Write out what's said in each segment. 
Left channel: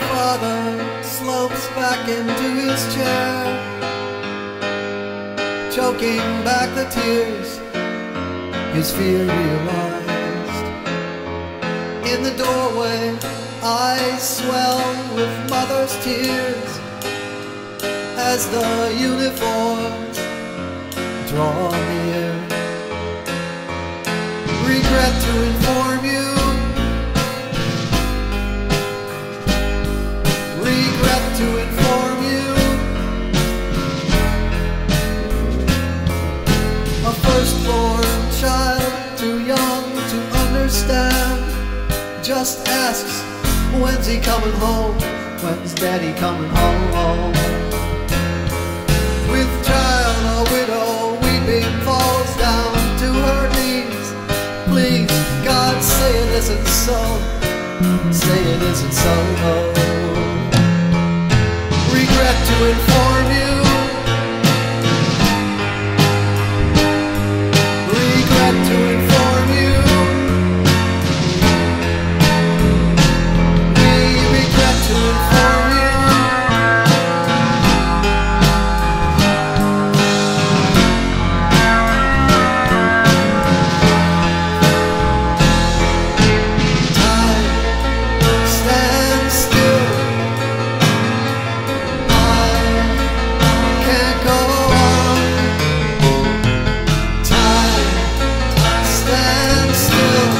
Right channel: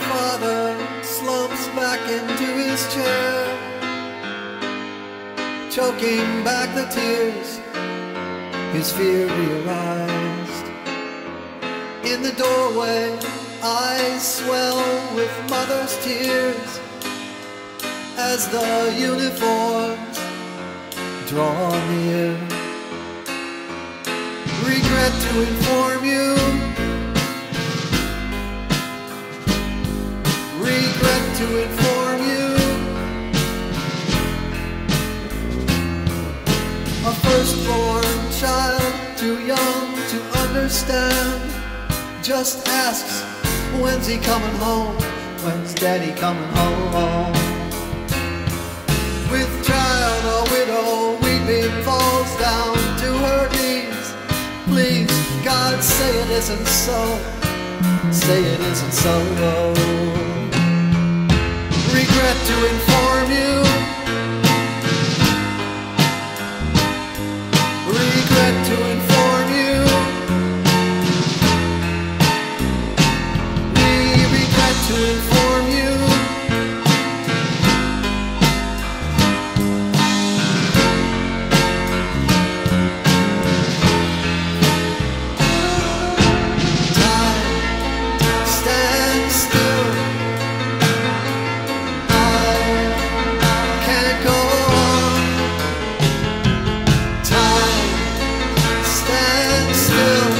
father slumps back into his chair, choking back the tears his fear realized. In the doorway, eyes swell with mother's tears as the uniforms draw near. Regret to inform you, regret to inform you, a firstborn child too young to understand just asks, when's he coming home? When's daddy coming home? With child a widow weeping falls down to her knees. Please, God, say it isn't so. Say it isn't so. Regret to inform you, regret to inform you, we regret to inform you. Stand still, I can't go on. Time, stand still,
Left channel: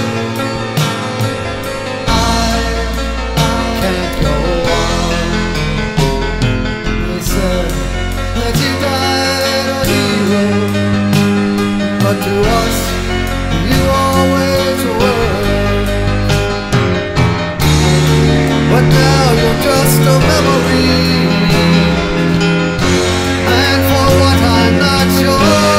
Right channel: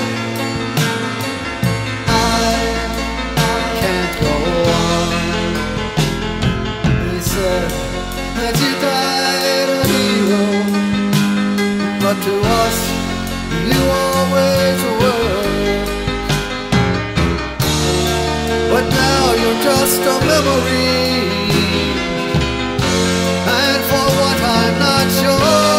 I can't go on. They said that you died a hero, but to us you always were. But now you're just a memory, and for what I'm not sure.